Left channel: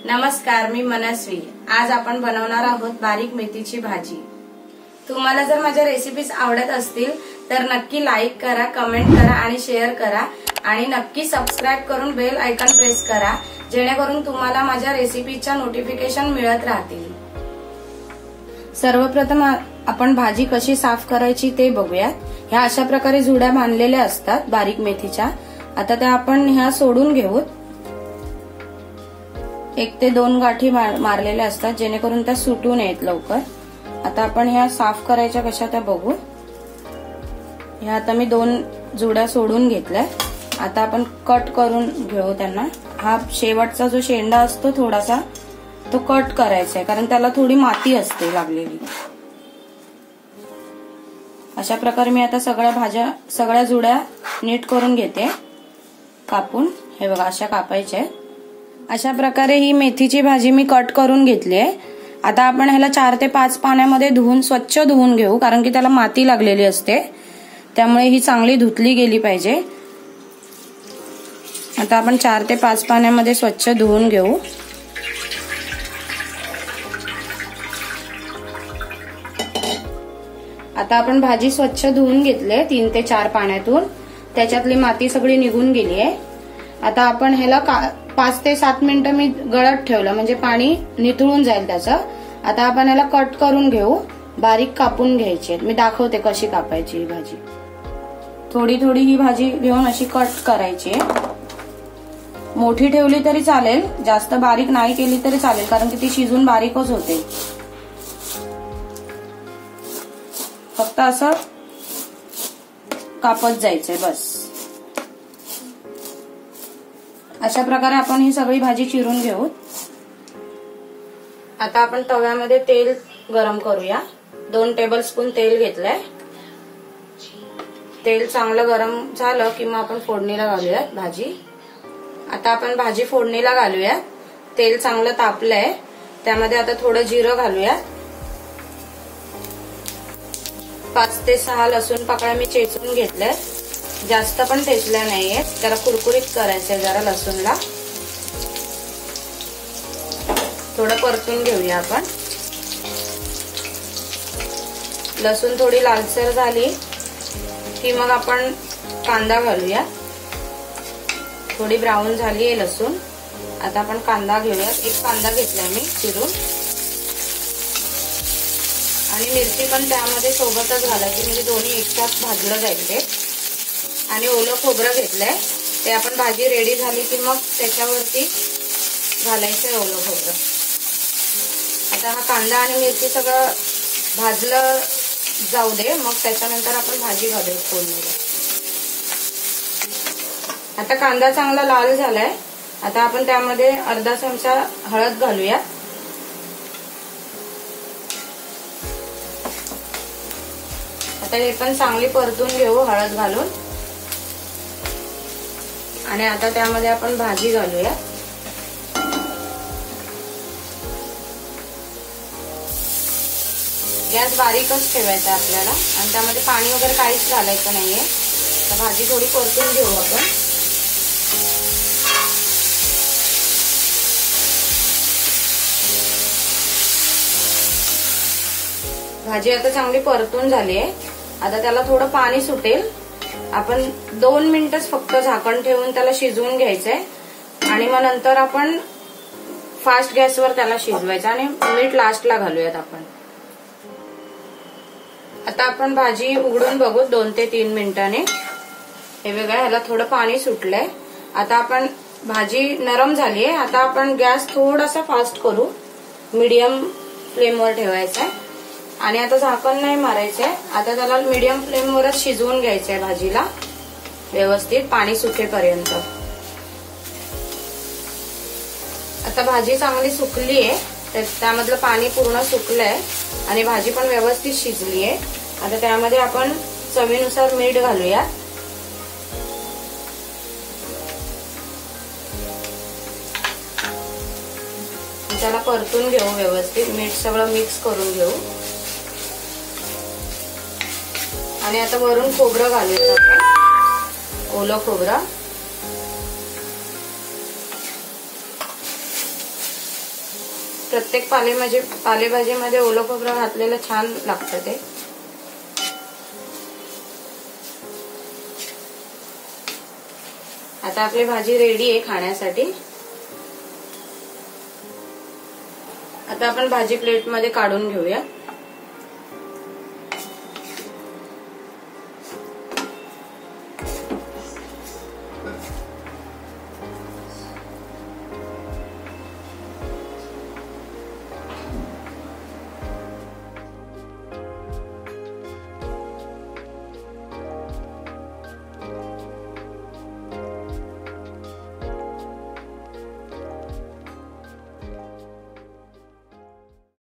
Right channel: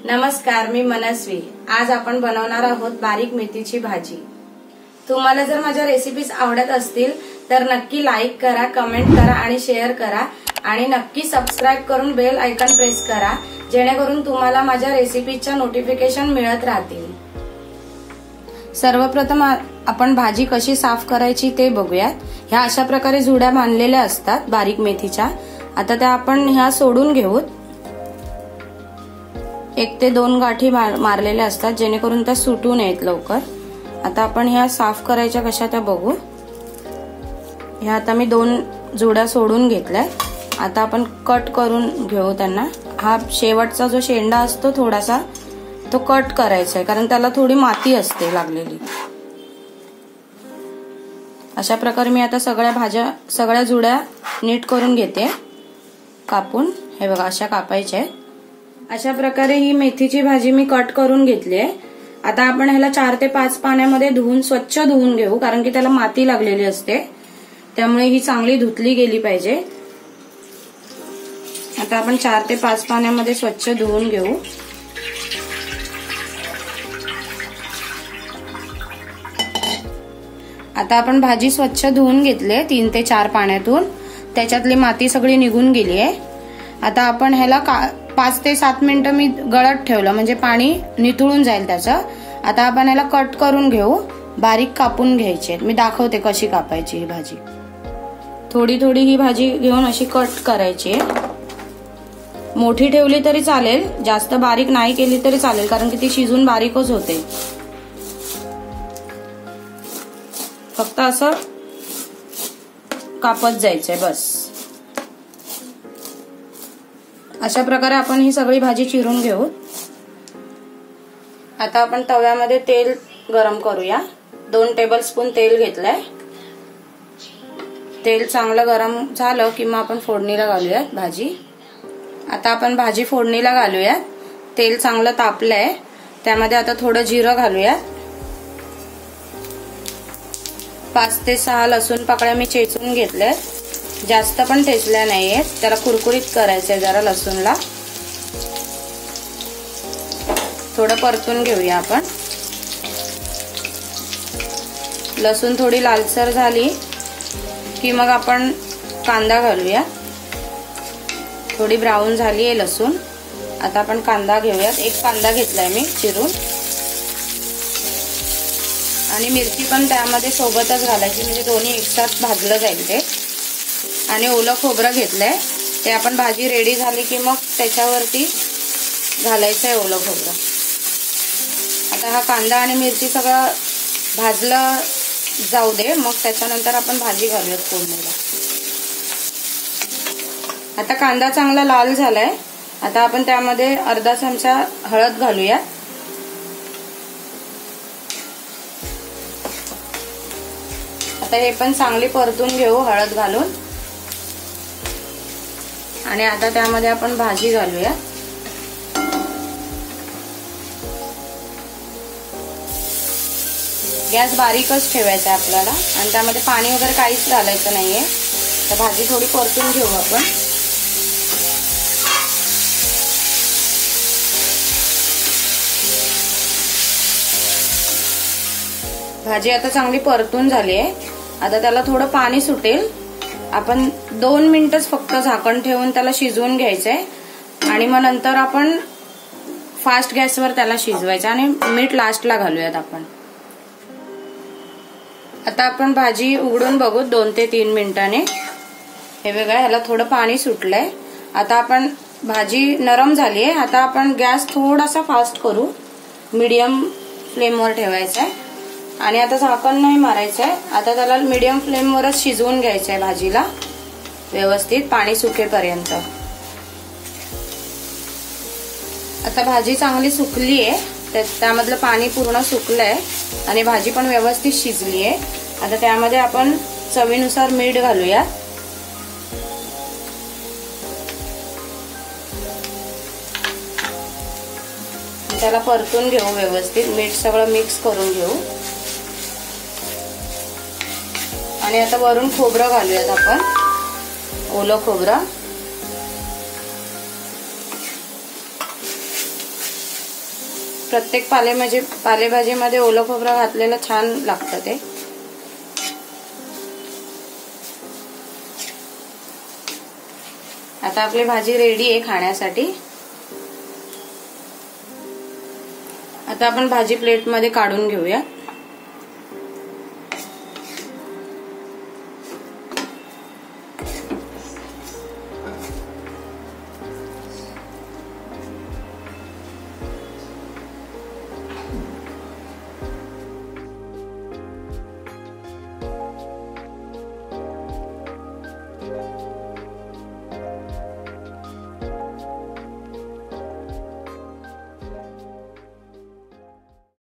नमस्कार, मी मनस्वी। आज आपण बनवणार आहोत बारीक मेथीची भाजी। तुम्हाला जर माझ्या रेसिपीज आवडत असतील तर नक्की लाईक करा, कमेंट करा आणि शेअर करा आणि नक्की सबस्क्राइब करून बेल आयकॉन प्रेस करा, जेणेकरून तुम्हाला माझ्या रेसिपीच्या नोटिफिकेशन मिळत राहतील। सर्वप्रथम आपण भाजी कशी साफ करायची ते बघूयात। ह्या अशा प्रकारे जुड्या बांधलेल्या असतात बारीक मेथीच्या। आता त्या आपण ह्या सोडून घेऊत। 1 ते 2 गाठी मारलेल्या असतात, जेणेकरून त्या सुटू नयेत लवकर। आता आपण ह्या साफ करायच्या कशा त्या बघू। ह्या आता मी 2 जुड्या सोडून घेतल्या। आता आपण कट करून घेऊ त्यांना। हा शेवटचा जो शेंडा असतो थोडासा तो कट करायचा आहे, कारण त्याला थोडी माती असते लागलेली। अशा प्रकारे मी आता सगळ्या जुड्या नीट करून घेते कापून। हे बघा, अशा कापायच्या। अशा प्रकारे ही मेथीची भाजी मी कट करून घेतली आहे। आता आपण ह्याला 4 ते 5 पाण्यामध्ये स्वच्छ धुवून घेऊ, कारण की त्याला माती लागलेली असते, त्यामुळे ही चांगली धुतली गेली पाहिजे। आता आपण 4 ते 5 पाण्यामध्ये स्वच्छ धुवून घेऊ। आता आपण भाजी स्वच्छ धुवून घेतले 3 ते 4 पाण्यातून, त्याच्यातली माती सगळी निघून गेली आहे। आता आपण ह्याला 5 ते 7 मिनिटं मी गळत ठेवलं, म्हणजे पाणी नितळून जाईल त्याचं। आता आपण ह्याला कट करून घेऊ, बारीक कापून घ्यायची। मी दाखवते कशी कापायची ही भाजी। थोडी थोडी ही भाजी घेऊन अशी कट करायची। मोठी ठेवली तरी चालेल, जास्त बारीक नाही केली तरी चालेल, कारण की ती शिजून बारीकच होते। फक्त असं कापत जायचंय बस। अशा प्रकारे आपण ही सगळी भाजी चिरून घेऊ। आता आपण तव्यामध्ये तेल गरम करूया। 2 टेबलस्पून तेल घेतलंय। तेल चांगलं गरम झालं की मग आपण फोडणीला घालूयात भाजी। आता आपण भाजी फोडणीला घालूयात। तेल चांगलं तापलंय, त्यामध्ये आता थोडं जिरं घालूयात। 5 ते 6 लसूण पाकळ्या मी चेचून घेतल्या, जास्त पण ठेचल्या नाहीये, त्याला कुरकुरीत करायचंय जरा लसूणला। थोडं परतून घेऊया आपण। लसूण थोडी लालसर झाली की मग आपण कांदा घालूया। थोडी ब्राऊन झाली आहे लसूण। आता आपण कांदा घेऊयात। 1 कांदा घेतलाय मी चिरून, आणि मिरची पण त्यामध्ये सोबतच घालायची, म्हणजे दोन्ही एकसाथ भाजलं जाईल ते। आणि ओलं खोबरं घेतलंय, ते आपण भाजी रेडी झाली की मग त्याच्यावरती घालायचंय ओलं खोबरं। आता हा कांदा आणि मिरची सगळं भाजलं जाऊ दे, मग त्याच्यानंतर आपण भाजी घालूया फोडणीला। आता कांदा चांगला लाल झालाय। आता आपण त्यामध्ये अर्धा चमचा हळद घालूया। आता हे पण चांगली परतून घेऊ हळद घालून। आणि आता त्यामध्ये आपण भाजी घालूया। गॅस बारीकच ठेवायचा आपल्याला, आणि त्यामध्ये पाणी वगैरे काहीच घालायचं नाहीये। तर भाजी थोडी परतून घेऊ आपण। भाजी आता चांगली परतून झाली आहे। आता त्याला थोडं पाणी सुटेल। आपण 2 मिनिटच फक्त झाकण ठेवून त्याला शिजवून घ्यायचंय, आणि मग नंतर आपण फास्ट गॅसवर त्याला शिजवायचं, आणि मीठ लास्टला घालूयात आपण। आता आपण भाजी उघडून बघू 2 ते 3 मिनिटांनी। हे बघा, ह्याला थोडं पाणी सुटलंय। आता आपण भाजी नरम झाली आहे। आता आपण गॅस थोडासा फास्ट करू, मीडियम फ्लेमवर ठेवायचा आहे, आणि आता झाकण नाही मारायचंय। आता त्याला मीडियम फ्लेमवरच शिजवून घ्यायचंय भाजीला व्यवस्थित, पाणी सुकेपर्यंत। आता भाजी चांगली सुकली आहे, त्यामधलं पाणी पूर्ण सुकलंय आणि भाजी पण व्यवस्थित शिजली आहे। आता त्यामध्ये आपण चवीनुसार मीठ घालूया। त्याला परतून घेऊ व्यवस्थित, मीठ सगळं मिक्स करून घेऊ। आणि आता वरून खोबरं घालूयात आपण, ओलं खोबरं। प्रत्येक पालेभाजीमध्ये ओलं खोबरं घातलेलं छान लागतं ते. आता आपली भाजी रेडी आहे खाण्यासाठी. आता आपण भाजी प्लेटमध्ये काढून घेऊया.